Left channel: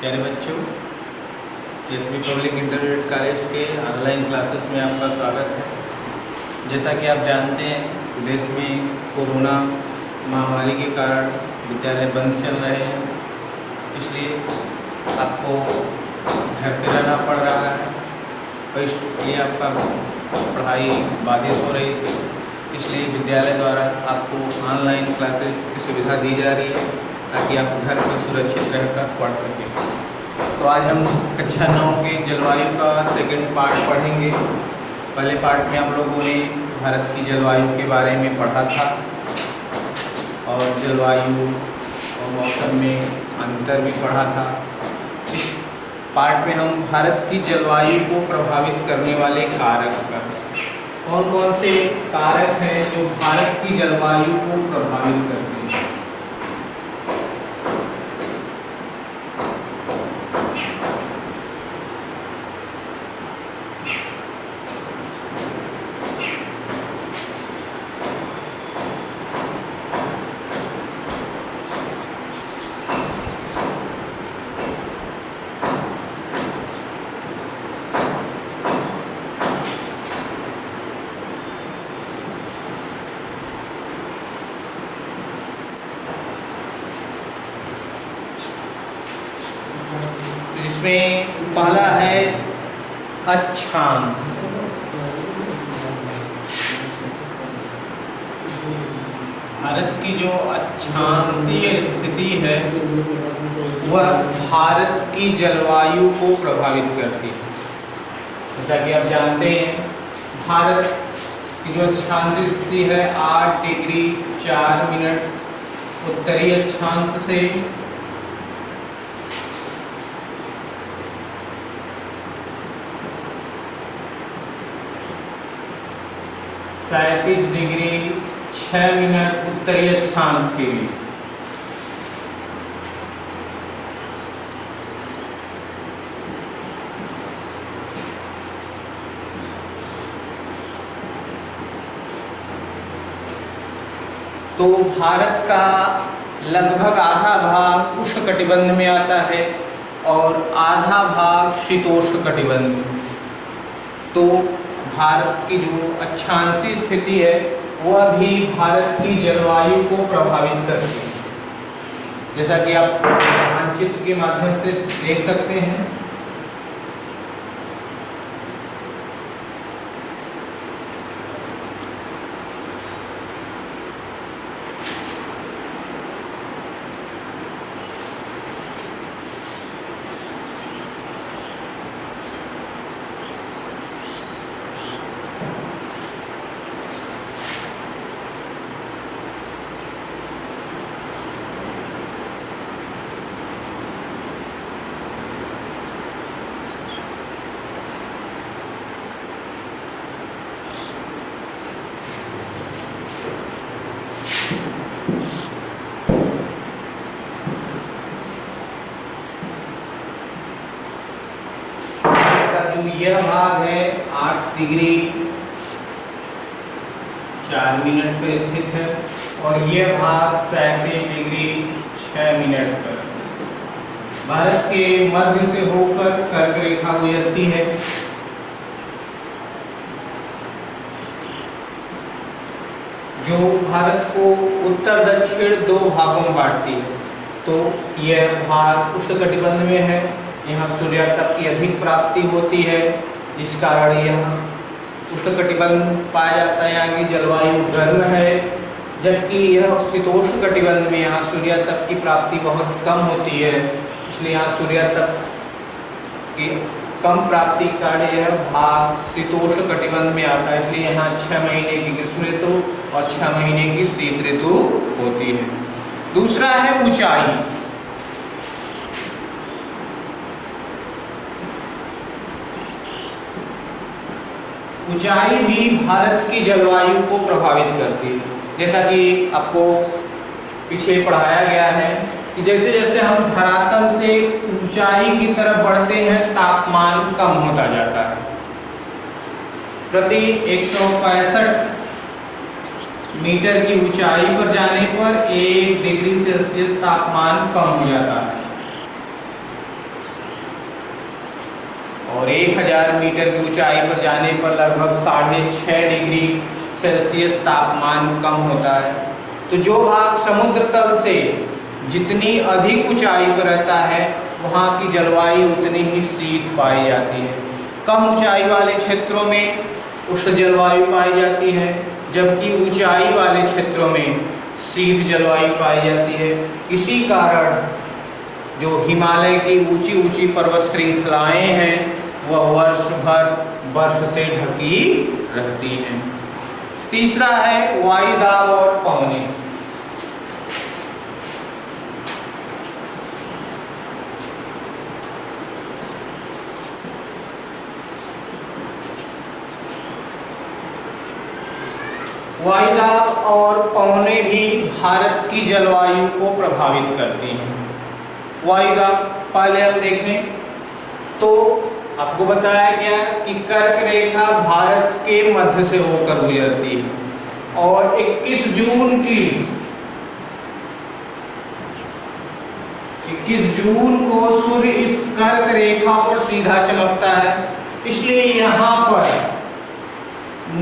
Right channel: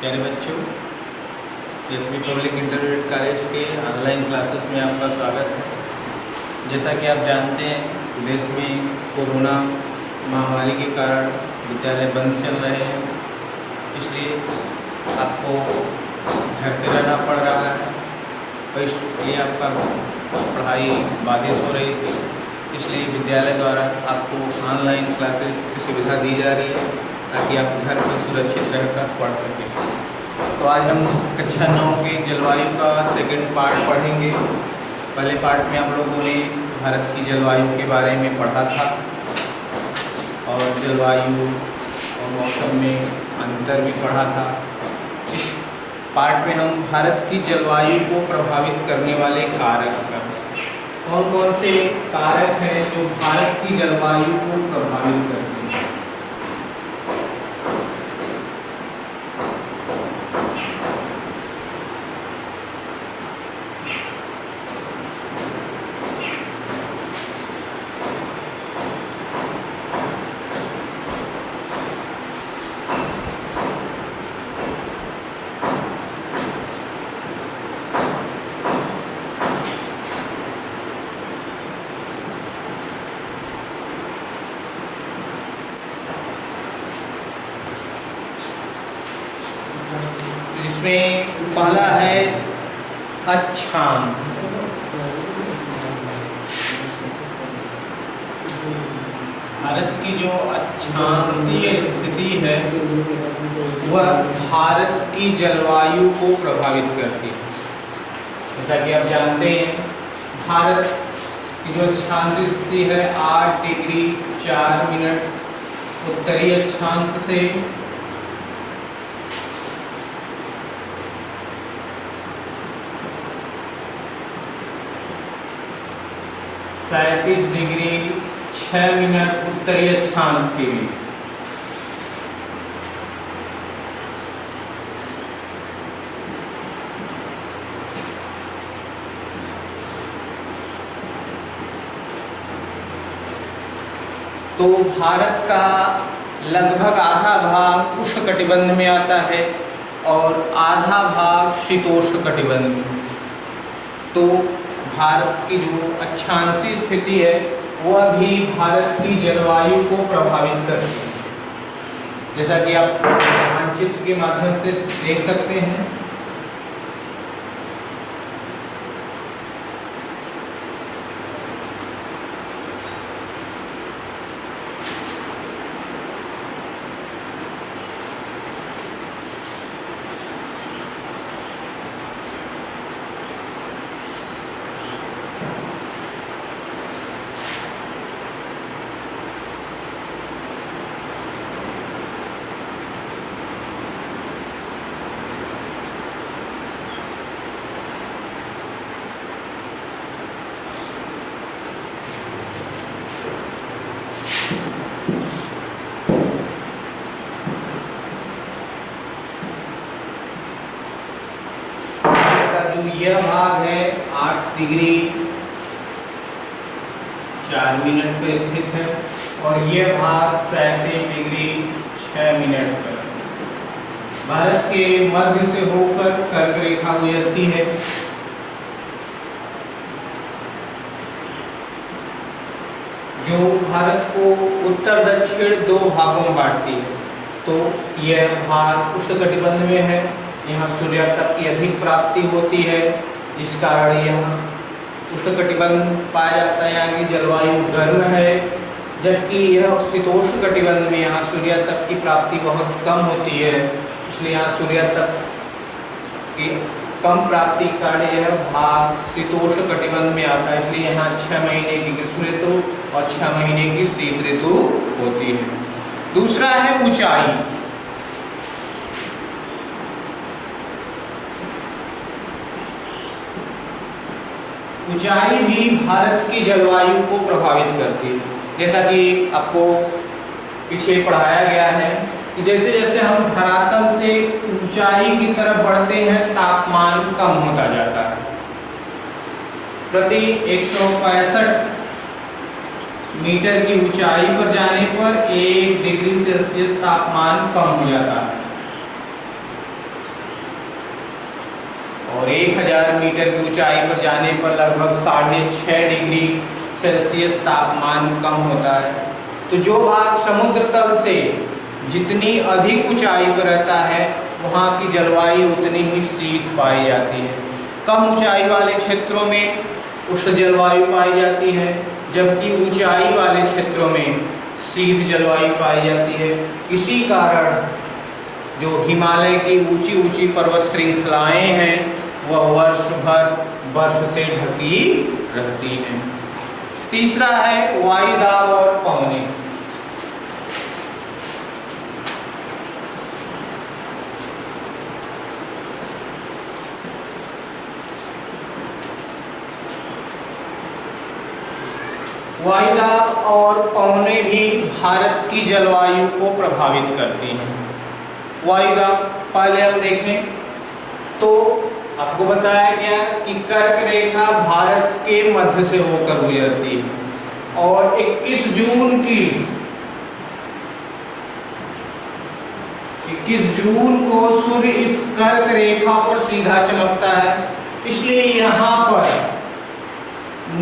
प्यारे बच्चों, SB public intermediate college के ऑनलाइन क्लासेस में आपका स्वागत है। जैसा कि आप जानते हैं कि देश में कोरोना महामारी के कारण विद्यालय बंद चल रहे हैं, इसलिए आपको घर पे रहना पड़ रहा है और इसलिए आपका पढ़ाई बाधित हो रही थी। इसलिए विद्यालय द्वारा आपको ऑनलाइन क्लासेस की सुविधा दी जा रही है ताकि आप घर पर सुरक्षित रहकर पढ़ सकें। तो आज हम कक्षा 9 के जलवायु का सेकंड पार्ट पढ़ेंगे। पहले पार्ट में आप लोगों ने भारत की जलवायु के बारे में पढ़ा था और जलवायु और मौसम में अंतर भी पढ़ा था। इस पार्ट में हम भारत की जलवायु को प्रभावित करने वाले कारक कौन कौन से कारक हैं जो भारत की जलवायु को प्रभावित करते हैं। इसमें पहला है अक्षांश। भारत की जो अक्षांशीय स्थिति है वह भारत की जलवायु को प्रभावित करती है। जैसा कि आप जानते हैं, भारत की जो अक्षांशीय स्थिति है 8 डिग्री 4 मिनट उत्तरी अक्षांश से 37 डिग्री 6 मिनट उत्तरी अक्षांश के बीच। तो भारत का लगभग आधा भाग उष्णकटिबंध में आता है और आधा भाग शीतोष्ण कटिबंध में। तो भारत की जो अक्षांशीय स्थिति है वह भी भारत की जलवायु को प्रभावित करती है। जैसा कि आप मानचित्र के माध्यम से देख सकते हैं, जो यह भाग है 8 डिग्री 4 मिनट पर स्थित है और यह भाग 37 डिग्री 6 मिनट पर भारत के मध्य से होकर कर्क रेखा गुजरती है। जो भारत को उत्तर दक्षिण दो भागों में बांटती है। तो यह भाग उष्णकटिबंध में है, यहाँ सूर्यातप की अधिक प्राप्ति होती है, जिस कारण यहाँ उष्णकटिबंध पाया जाता है। यहाँ की जलवायु गर्म है, जबकि यह शीतोष्ण कटिबंध में यहाँ सूर्यातप की प्राप्ति बहुत कम होती है। इसलिए यहाँ सूर्यातप की कम प्राप्ति के कारण यह भाग शीतोष्ण कटिबंध में आता है। इसलिए यहाँ 6 महीने की ग्रीष्म ऋतु और 6 महीने की शीत ऋतु होती है। दूसरा है ऊंचाई। ऊंचाई भी भारत की जलवायु को प्रभावित करती है। जैसा कि आपको पीछे पढ़ाया गया है कि जैसे जैसे हम धरातल से ऊंचाई की तरफ बढ़ते हैं तापमान कम होता जाता है। प्रति 165 मीटर की ऊंचाई पर जाने पर 1 डिग्री सेल्सियस तापमान कम हो जाता है। और 1000 मीटर की ऊंचाई पर जाने पर लगभग 6.5 डिग्री सेल्सियस तापमान कम होता है। तो जो भाग समुद्र तल से जितनी अधिक ऊंचाई पर रहता है वहाँ की जलवायु उतनी ही शीत पाई जाती है। कम ऊंचाई वाले क्षेत्रों में उष्ण जलवायु पाई जाती है, जबकि ऊंचाई वाले क्षेत्रों में शीत जलवायु पाई जाती है। इसी कारण जो हिमालय की ऊंची ऊंची पर्वत श्रृंखलाएं हैं वह वर्ष भर बर्फ से ढकी रहती हैं। तीसरा है वायुदाब और पवनें। वायुदाब और पवनें भी भारत की जलवायु को प्रभावित करती हैं। वायुदाब पहले हम देखें तो आपको बताया गया कि कर्क रेखा भारत के मध्य से होकर गुजरती है और 21 जून को सूर्य इस कर्क रेखा पर सीधा चमकता है। इसलिए यहाँ पर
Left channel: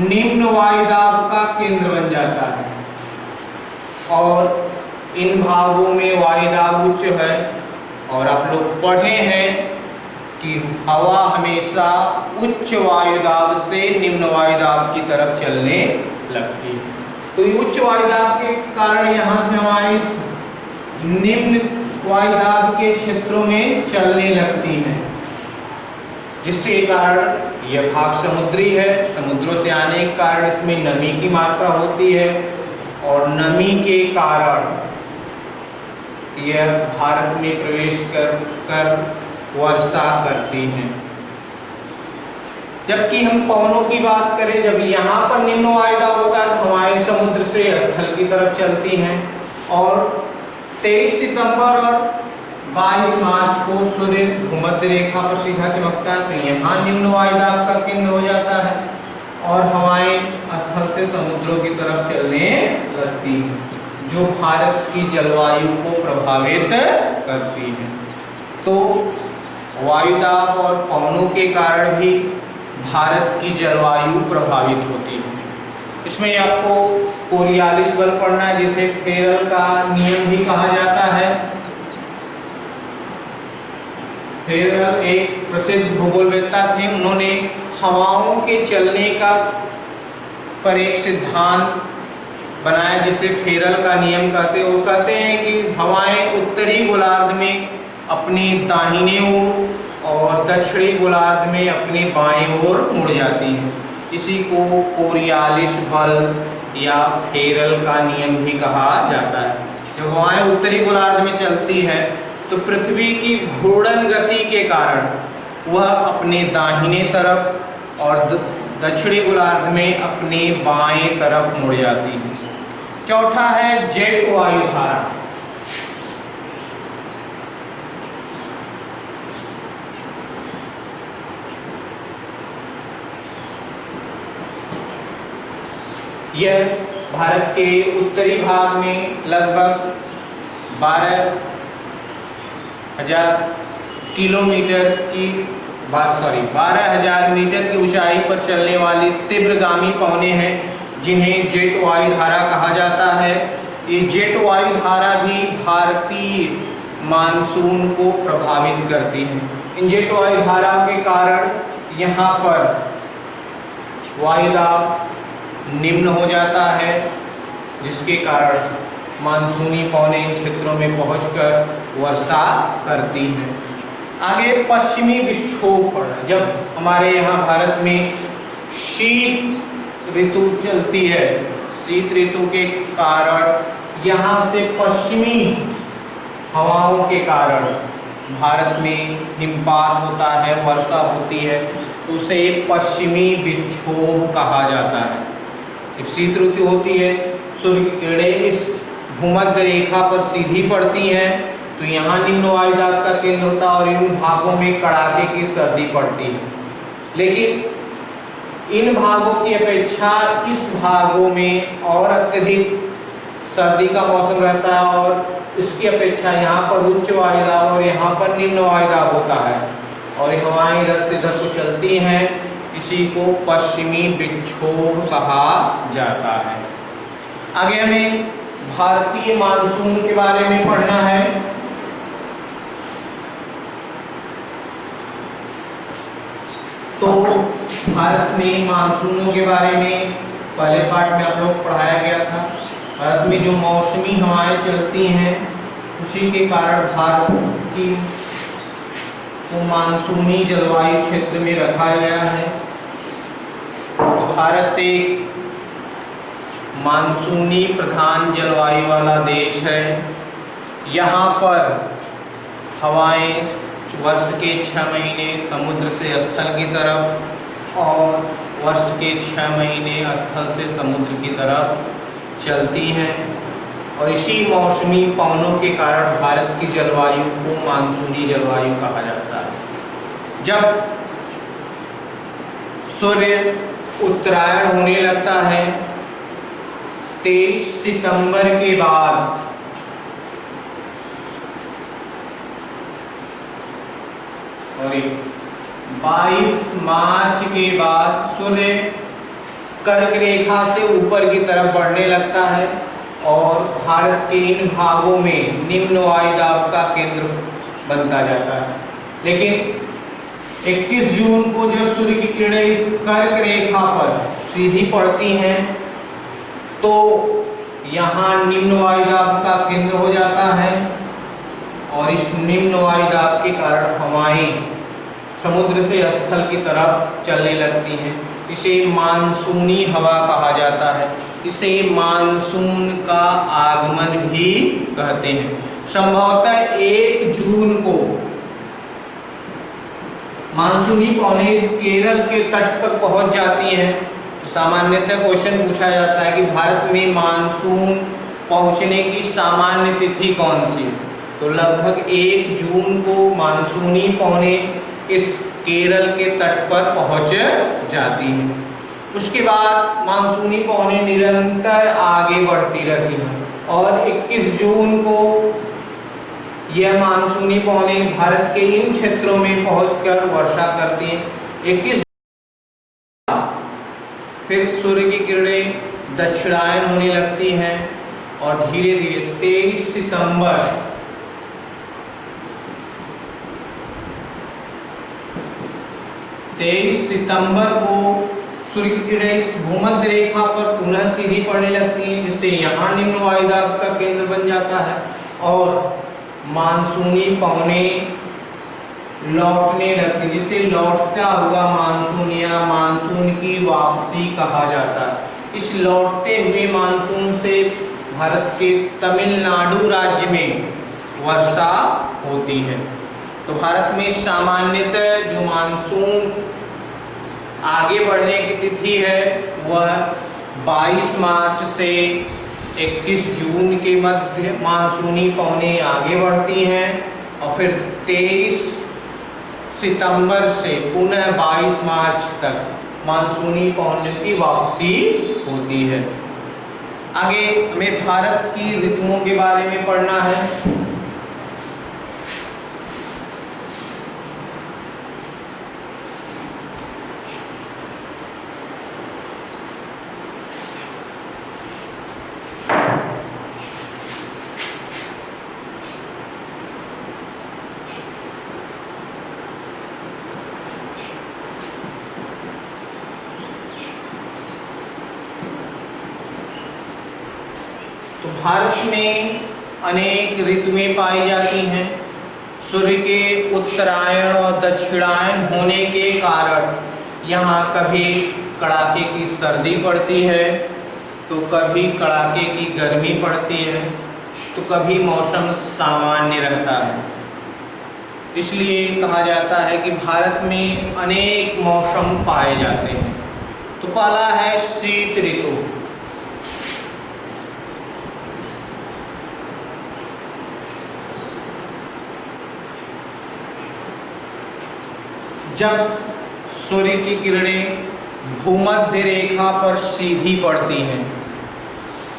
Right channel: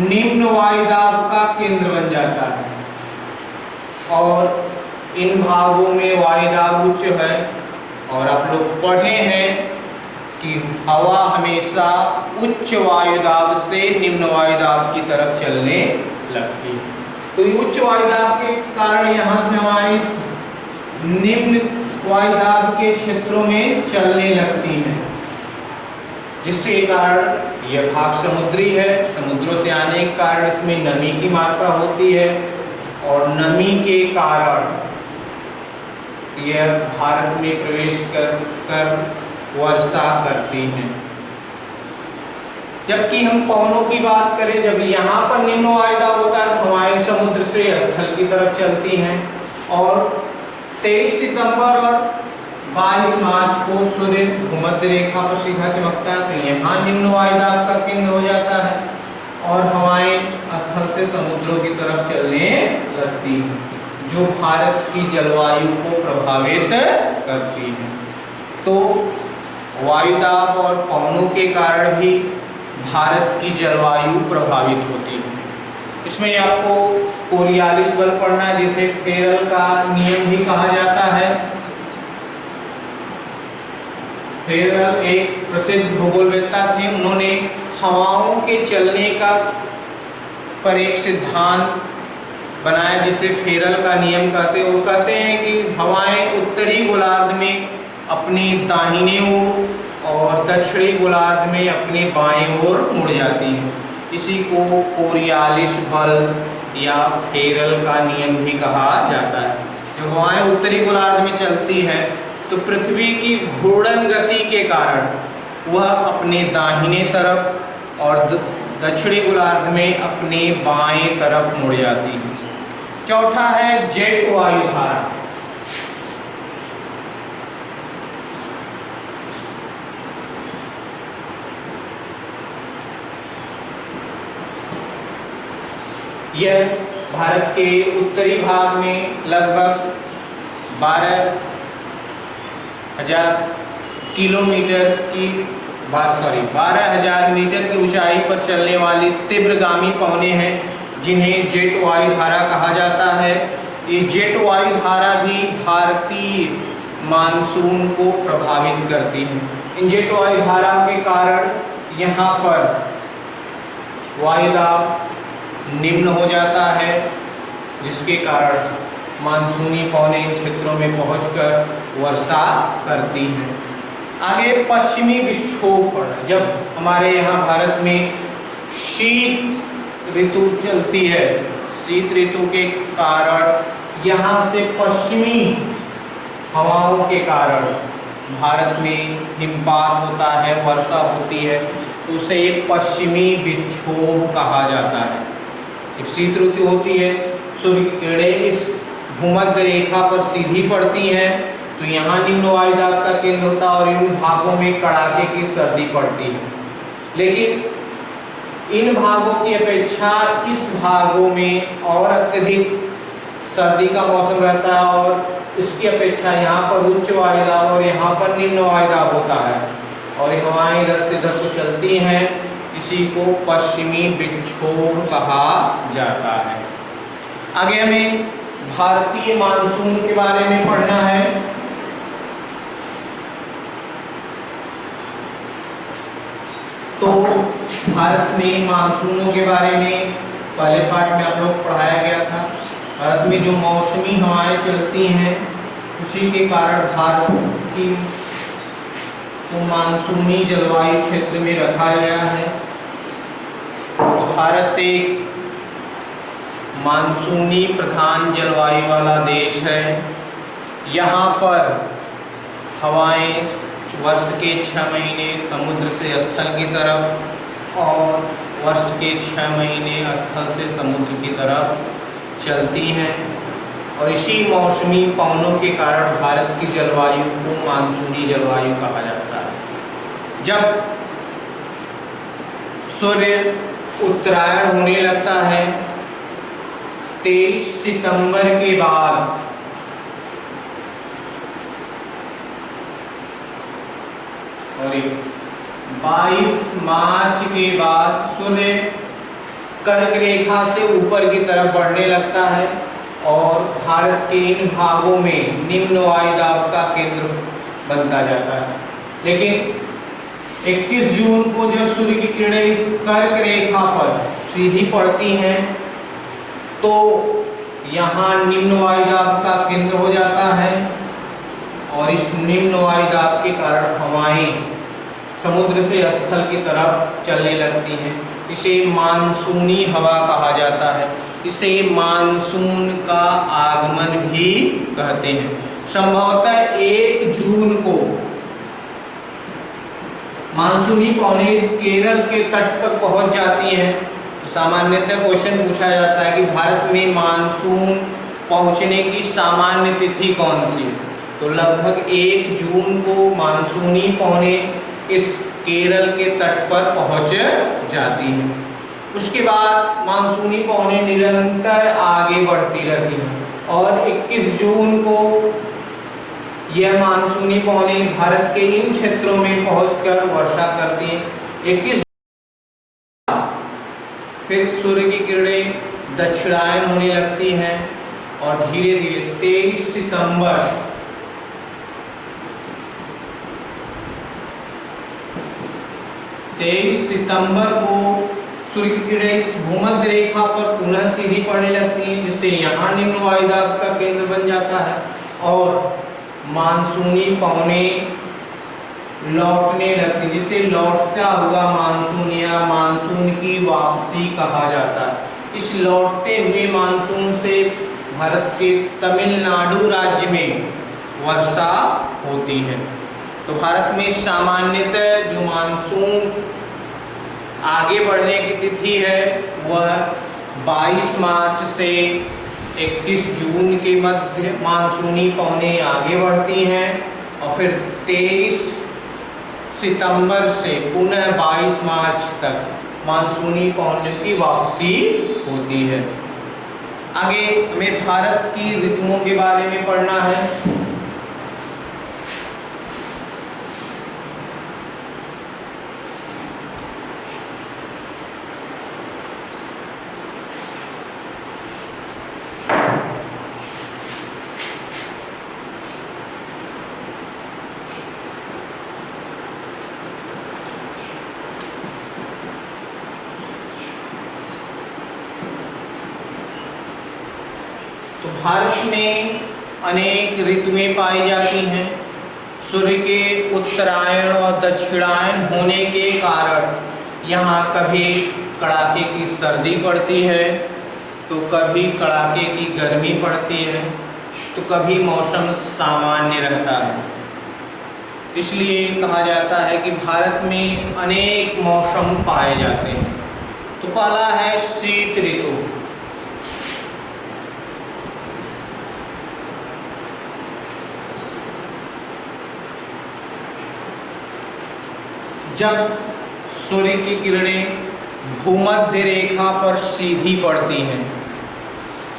निम्न वायुदाब का केंद्र बन जाता है और इन भागों में वायुदाब उच्च है। और आप लोग पढ़े हैं कि हवा हमेशा उच्च वायुदाब से निम्न वायुदाब की तरफ चलने लगती है। तो ये उच्च वायुदाब के कारण यहाँ से हमारी इस निम्न वायुदाब के क्षेत्रों में चलने लगती हैं, जिसके कारण यह भाग समुद्री है। समुद्रों से आने के कारण इसमें नमी की मात्रा होती है और नमी के कारण यह भारत में प्रवेश कर वर्षा करती हैं। जबकि हम पवनों की बात करें, जब यहाँ पर निम्न वायुदाब होता है तो हवाएं समुद्र से स्थल की तरफ चलती हैं और 23 सितंबर और 22 मार्च को सूर्य भूमध्य रेखा पर सीधा चमकता है, तो यहाँ निम्न वायुदाब का केंद्र हो जाता है और हवाएं स्थल से समुद्रों की तरफ चलने लगती हैं, जो भारत की जलवायु को प्रभावित करती है। तो वायुदाब और पवनों के कारण भी भारत की जलवायु प्रभावित होती है। इसमें आपको कोरियालिस बल पढ़ना है, जिसे फेरल का नियम भी कहा जाता है। फेरल एक प्रसिद्ध भूगोलवेत्ता थे। उन्होंने हवाओं के चलने का पर एक सिद्धांत बनाया जिसे फेरल का नियम कहते हैं। वो कहते हैं कि हवाएं उत्तरी गोलार्ध में अपनी दाहिने ओर और दक्षिणी गोलार्ध में अपने बाएं ओर मुड़ जाती हैं। इसी को कोरियालिस बल या फेरल का नियम भी कहा जाता है। जब हवाएं उत्तरी गोलार्ध में चलती है तो पृथ्वी की घूर्णन गति के कारण वह अपने दाहिने तरफ और दक्षिणी गोलार्ध में अपने बाएं तरफ मुड़ जाती है। चौथा है जेट वायुधारा। यह भारत के उत्तरी भाग में लगभग 12,000 मीटर की ऊंचाई पर चलने वाली तीव्रगामी पवनें हैं, जिन्हें जेट वायुधारा कहा जाता है। ये जेट वायुधारा भी भारतीय मानसून को प्रभावित करती हैं। इन जेट वायुधाराओं के कारण यहाँ पर वायुदाब निम्न हो जाता है, जिसके कारण मानसूनी पवनें इन क्षेत्रों में पहुंचकर वर्षा करती हैं। आगे पश्चिमी विक्षोभ पड़ना। जब हमारे यहाँ भारत में शीत ऋतु चलती है, शीत ऋतु के कारण यहाँ से पश्चिमी हवाओं के कारण भारत में हिमपात होता है, वर्षा होती है, तो उसे पश्चिमी विक्षोभ कहा जाता है। जब शीत ऋतु होती है, सूर्य की किरणें इस भूमध्य रेखा पर सीधी पड़ती हैं, तो यहाँ निम्न वायुदाब का केंद्र होता है और इन भागों में कड़ाके की सर्दी पड़ती है। लेकिन इन भागों की अपेक्षा इस भागों में और अत्यधिक सर्दी का मौसम रहता है और इसकी अपेक्षा यहाँ पर उच्च वायुदाब और यहाँ पर निम्न वायुदाब होता है। और ये हवाएं इधर से इधर को चलती हैं, इसी को पश्चिमी विक्षोभ कहा जाता है। आगे हमें भारतीय मानसून के बारे में पढ़ना है। तो भारत में मानसूनों के बारे में पहले पार्ट में आप लोग पढ़ाया गया था। भारत में जो मौसमी हवाएं चलती हैं उसी के कारण भारत की को मानसूनी जलवायु क्षेत्र में रखा गया है। तो भारत एक मानसूनी प्रधान जलवायु वाला देश है। यहाँ पर हवाएं वर्ष के 6 महीने समुद्र से स्थल की तरफ और वर्ष के 6 महीने स्थल से समुद्र की तरफ चलती हैं, और इसी मौसमी पवनों के कारण भारत की जलवायु को मानसूनी जलवायु कहा जाता है। जब सूर्य उत्तरायण होने लगता है 23 सितंबर के बाद, और 22 मार्च के बाद सूर्य कर्क रेखा से ऊपर की तरफ बढ़ने लगता है और भारत के इन भागों में निम्न वायुदाब का केंद्र बनता जाता है। लेकिन 21 जून को जब सूर्य की किरणें इस कर्क रेखा पर सीधी पड़ती हैं तो यहाँ निम्न वायुदाब का केंद्र हो जाता है, और इस निम्न वायुदाब के कारण हवाएं समुद्र से स्थल की तरफ चलने लगती हैं। इसे मानसूनी हवा कहा जाता है। इसे मानसून का आगमन भी कहते हैं। संभवतः 1 जून को मानसूनी पवनें केरल के तट तक पहुंच जाती हैं। तो सामान्यतः क्वेश्चन पूछा जाता है कि भारत में मानसून पहुंचने की सामान्य तिथि कौन सी? तो लगभग 1 जून को मानसूनी पवनें इस केरल के तट पर पहुंच जाती हैं। उसके बाद मानसूनी पवनें निरंतर आगे बढ़ती रहती हैं और 21 जून को यह मानसूनी पवनें भारत के इन क्षेत्रों में पहुंचकर वर्षा करती हैं। 21 फिर सूर्य की किरणें दक्षिणायन होने लगती हैं और धीरे धीरे 23 सितंबर को सूर्य की किरणें इस भूमध्य रेखा पर पुनः सीधी पड़ने लगती हैं, जिससे यहाँ निम्न वायुदाब का केंद्र बन जाता है और मानसूनी पवनें लौटने लगती हैं, जिसे लौटता हुआ मानसून या मानसून की वापसी कहा जाता है। इस लौटते हुए मानसून से भारत के तमिलनाडु राज्य में वर्षा होती है। तो भारत में सामान्यतः जो मानसून आगे बढ़ने की तिथि है वह 22 मार्च से 21 जून के मध्य मानसूनी पवनें आगे बढ़ती हैं और फिर 23 सितंबर से पुनः 22 मार्च तक मानसूनी पवनों की वापसी होती है। आगे हमें भारत की ऋतुओं के बारे में पढ़ना है। भारत में अनेक ऋतुएं पाई जाती हैं। सूर्य के उत्तरायण और दक्षिणायन होने के कारण यहाँ कभी कड़ाके की सर्दी पड़ती है तो कभी कड़ाके की गर्मी पड़ती है तो कभी मौसम सामान्य रहता है। इसलिए कहा जाता है कि भारत में अनेक मौसम पाए जाते हैं। तो पहला है शीत ऋतु। जब सूर्य की किरणें भूमध्य रेखा पर सीधी पड़ती हैं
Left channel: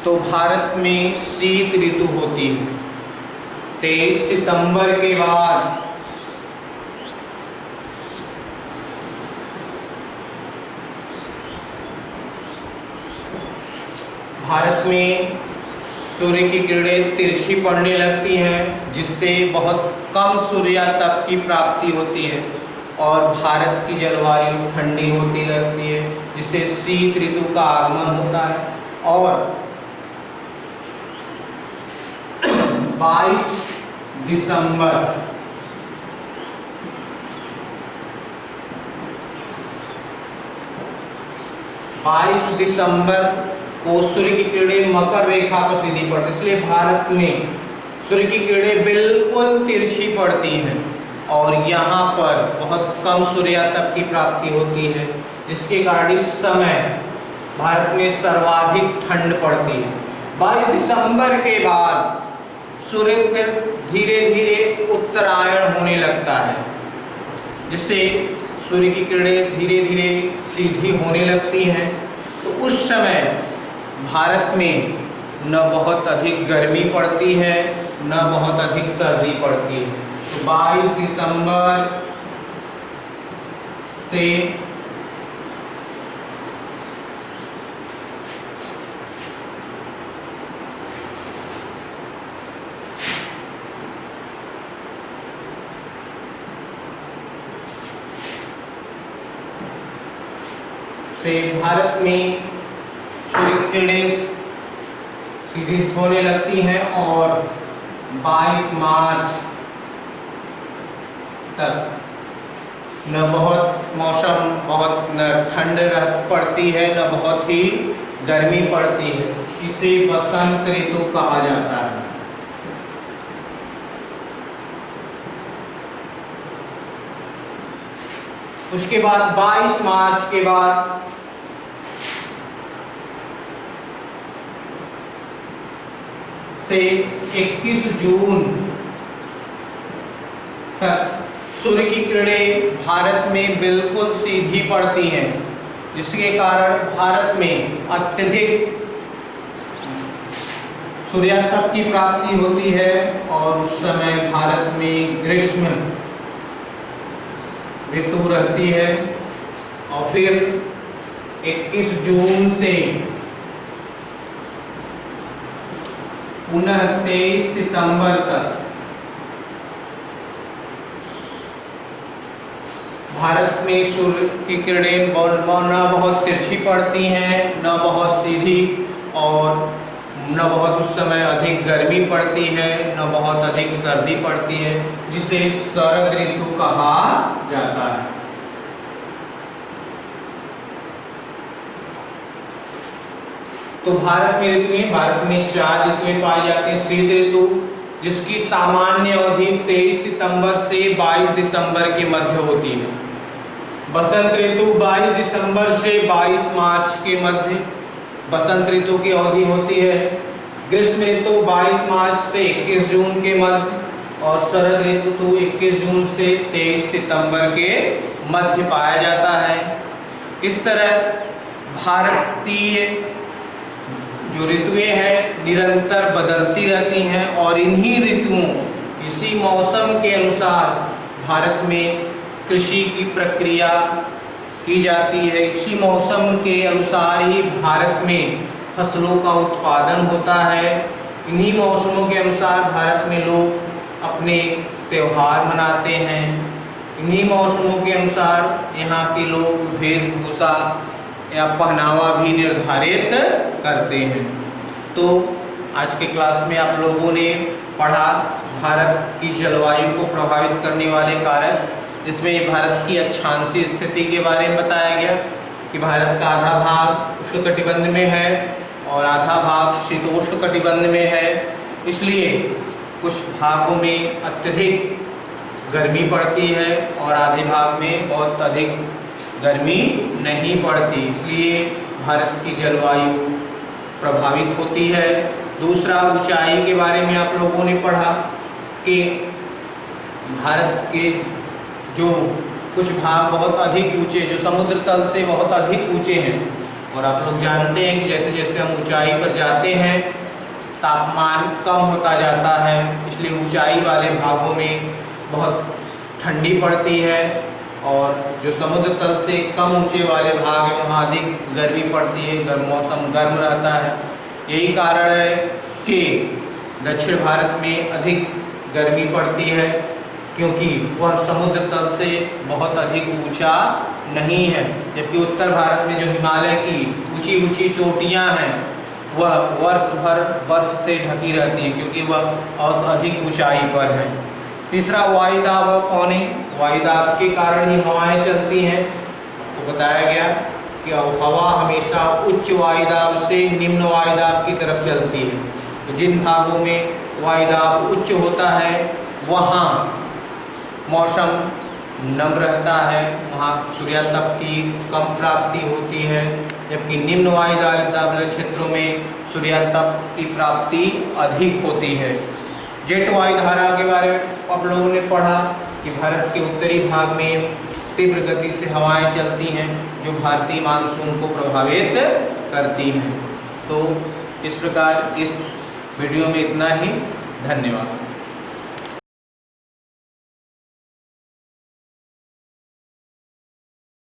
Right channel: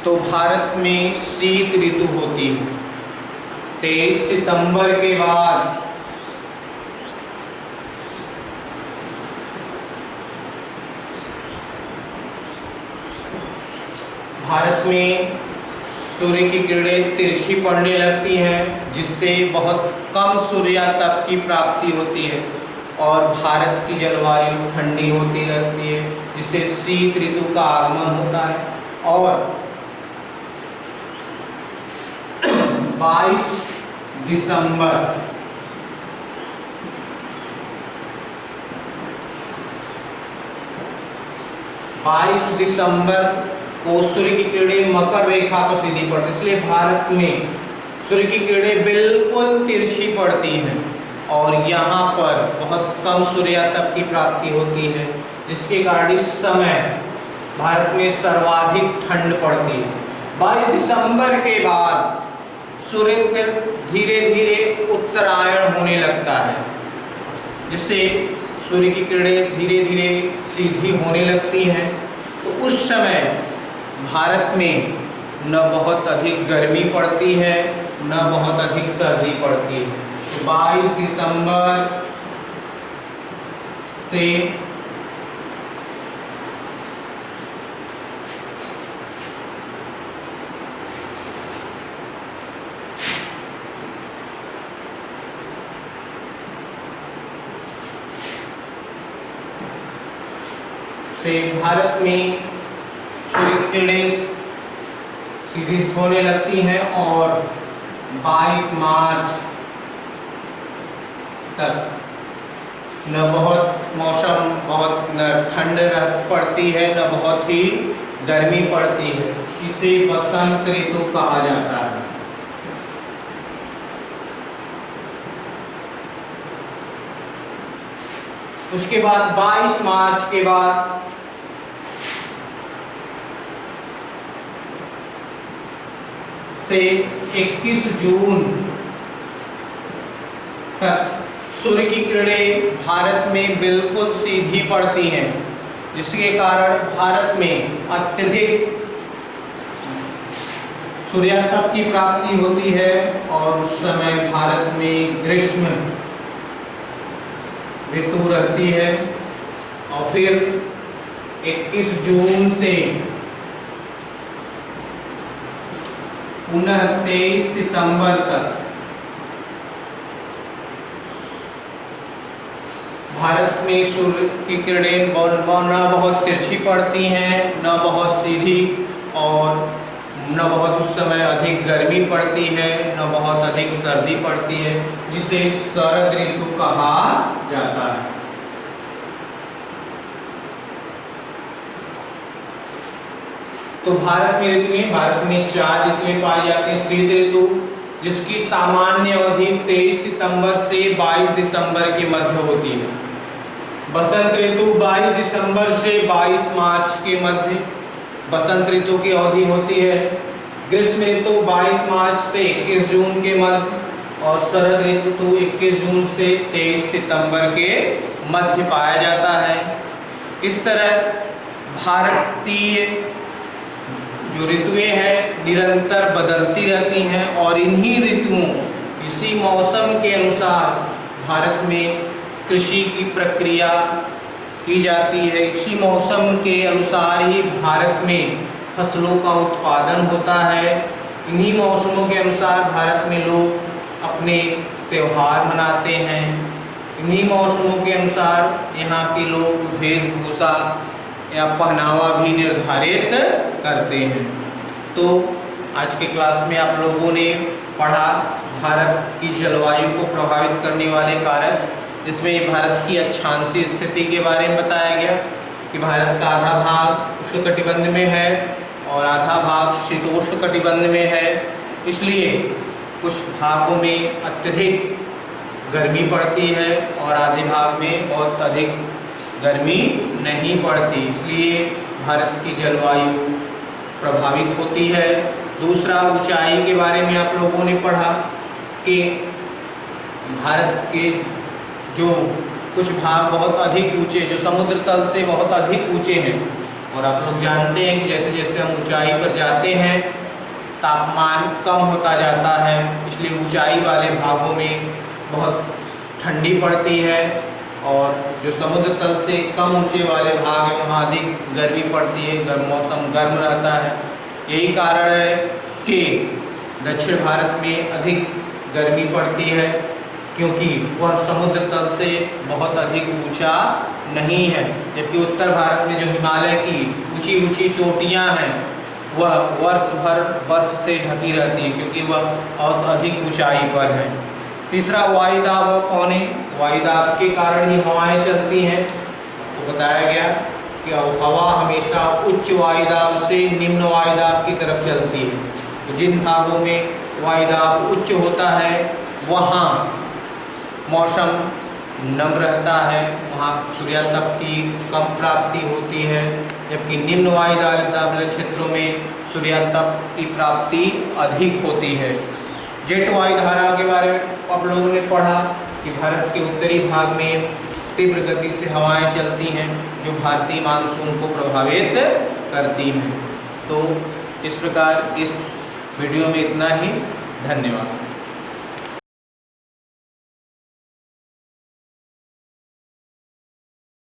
तो भारत में शीत ऋतु होती है। 23 सितंबर के बाद भारत में सूर्य की किरणें तिरछी पड़ने लगती हैं, जिससे बहुत कम सूर्यातप की प्राप्ति होती है और भारत की जलवायु ठंडी होती रहती है, जिससे शीत ऋतु का आगमन होता है। और 22 दिसंबर को सूर्य की किरणें मकर रेखा पर सीधी पड़ती, इसलिए भारत में सूर्य की किरणें बिल्कुल तिरछी पड़ती हैं और यहाँ पर बहुत कम सूर्यातप की प्राप्ति होती है, जिसके कारण इस समय भारत में सर्वाधिक ठंड पड़ती है। 22 दिसंबर के बाद सूर्य फिर धीरे धीरे उत्तरायण होने लगता है, जिससे सूर्य की किरणें धीरे धीरे सीधी होने लगती हैं। तो उस समय भारत में न बहुत अधिक गर्मी पड़ती है, न बहुत अधिक सर्दी पड़ती है। तो 22 दिसंबर से भारत में सूर्य की किरणें सीधी होने लगती हैं और 22 मार्च तक न बहुत मौसम बहुत न ठंड पड़ती है, न बहुत ही गर्मी पड़ती है। इसे बसंत ऋतु कहा जाता है। उसके बाद 22 मार्च के बाद से 21 जून तक सूर्य की किरणें भारत में बिल्कुल सीधी पड़ती हैं, जिसके कारण भारत में अत्यधिक सूर्यातप की प्राप्ति होती है और उस समय भारत में ग्रीष्म ऋतु रहती है। और फिर 21 जून से पुनः 23 सितंबर तक भारत में सूर्य की किरणें न बहुत तिरछी पड़ती हैं, न बहुत सीधी, और न बहुत उस समय अधिक गर्मी पड़ती है, न बहुत अधिक सर्दी पड़ती है, जिसे शरद ऋतु कहा जाता है। तो भारत में 4 ऋतुएं पाई जाती हैं। शीत ऋतु, जिसकी सामान्य अवधि 23 सितंबर से 22 दिसंबर के मध्य होती है। बसंत ऋतु 22 दिसंबर से 22 मार्च के मध्य बसंत ऋतु की अवधि होती है। ग्रीष्म ऋतु 22 मार्च से 21 जून के मध्य, और शरद ऋतु 21 जून से 23 सितंबर के मध्य पाया जाता है। इस तरह भारतीय जो ऋतुएं हैं निरंतर बदलती रहती हैं, और इन्हीं ऋतुओं, इसी मौसम के अनुसार भारत में कृषि की प्रक्रिया की जाती है। इसी मौसम के अनुसार ही भारत में फसलों का उत्पादन होता है। इन्हीं मौसमों के अनुसार भारत में लोग अपने त्यौहार मनाते हैं। इन्हीं मौसमों के अनुसार यहाँ के लोग वेशभूषा या पहनावा भी निर्धारित करते हैं। तो आज के क्लास में आप लोगों ने पढ़ा भारत की जलवायु को प्रभावित करने वाले कारक, जिसमें भारत की अक्षांशीय स्थिति के बारे में बताया गया कि भारत का आधा भाग उष्णकटिबंध में है और आधा भाग शीतोष्णकटिबंध में है। इसलिए कुछ भागों में अत्यधिक गर्मी पड़ती है और आधे भाग में बहुत अधिक गर्मी नहीं पड़ती, इसलिए भारत की जलवायु प्रभावित होती है। दूसरा, ऊंचाई के बारे में आप लोगों ने पढ़ा कि भारत के जो कुछ भाग बहुत अधिक ऊंचे, जो समुद्र तल से बहुत अधिक ऊंचे हैं, और आप लोग जानते हैं कि जैसे जैसे हम ऊंचाई पर जाते हैं तापमान कम होता जाता है, इसलिए ऊंचाई वाले भागों में बहुत ठंडी पड़ती है, और जो समुद्र तल से कम ऊंचे वाले भाग हैं वहाँ अधिक गर्मी पड़ती है, मौसम गर्म रहता है। यही कारण है कि दक्षिण भारत में अधिक गर्मी पड़ती है, क्योंकि वह समुद्र तल से बहुत अधिक ऊंचा नहीं है, जबकि उत्तर भारत में जो हिमालय की ऊंची ऊंची चोटियां हैं वह वर्ष भर बर्फ से ढकी रहती हैं, क्योंकि वह और अधिक ऊंचाई पर है। तीसरा वायुदाब और पौने, वायुदाब के कारण ही हवाएं चलती हैं। तो बताया गया कि हवा हमेशा उच्च वायुदाब से निम्न वायुदाब की तरफ चलती है। तो जिन भागों में वायुदाब उच्च होता है वहाँ मौसम नम रहता है, वहाँ सूर्यातप की कम प्राप्ति होती है, जबकि निम्न वायुदाब वाले क्षेत्रों में सूर्यातप की प्राप्ति अधिक होती है। जेट वायुधारा के बारे में आप लोगों ने पढ़ा कि भारत के उत्तरी भाग में तीव्र गति से हवाएं चलती हैं जो भारतीय मानसून को प्रभावित करती हैं। तो इस प्रकार इस वीडियो में इतना ही। धन्यवाद।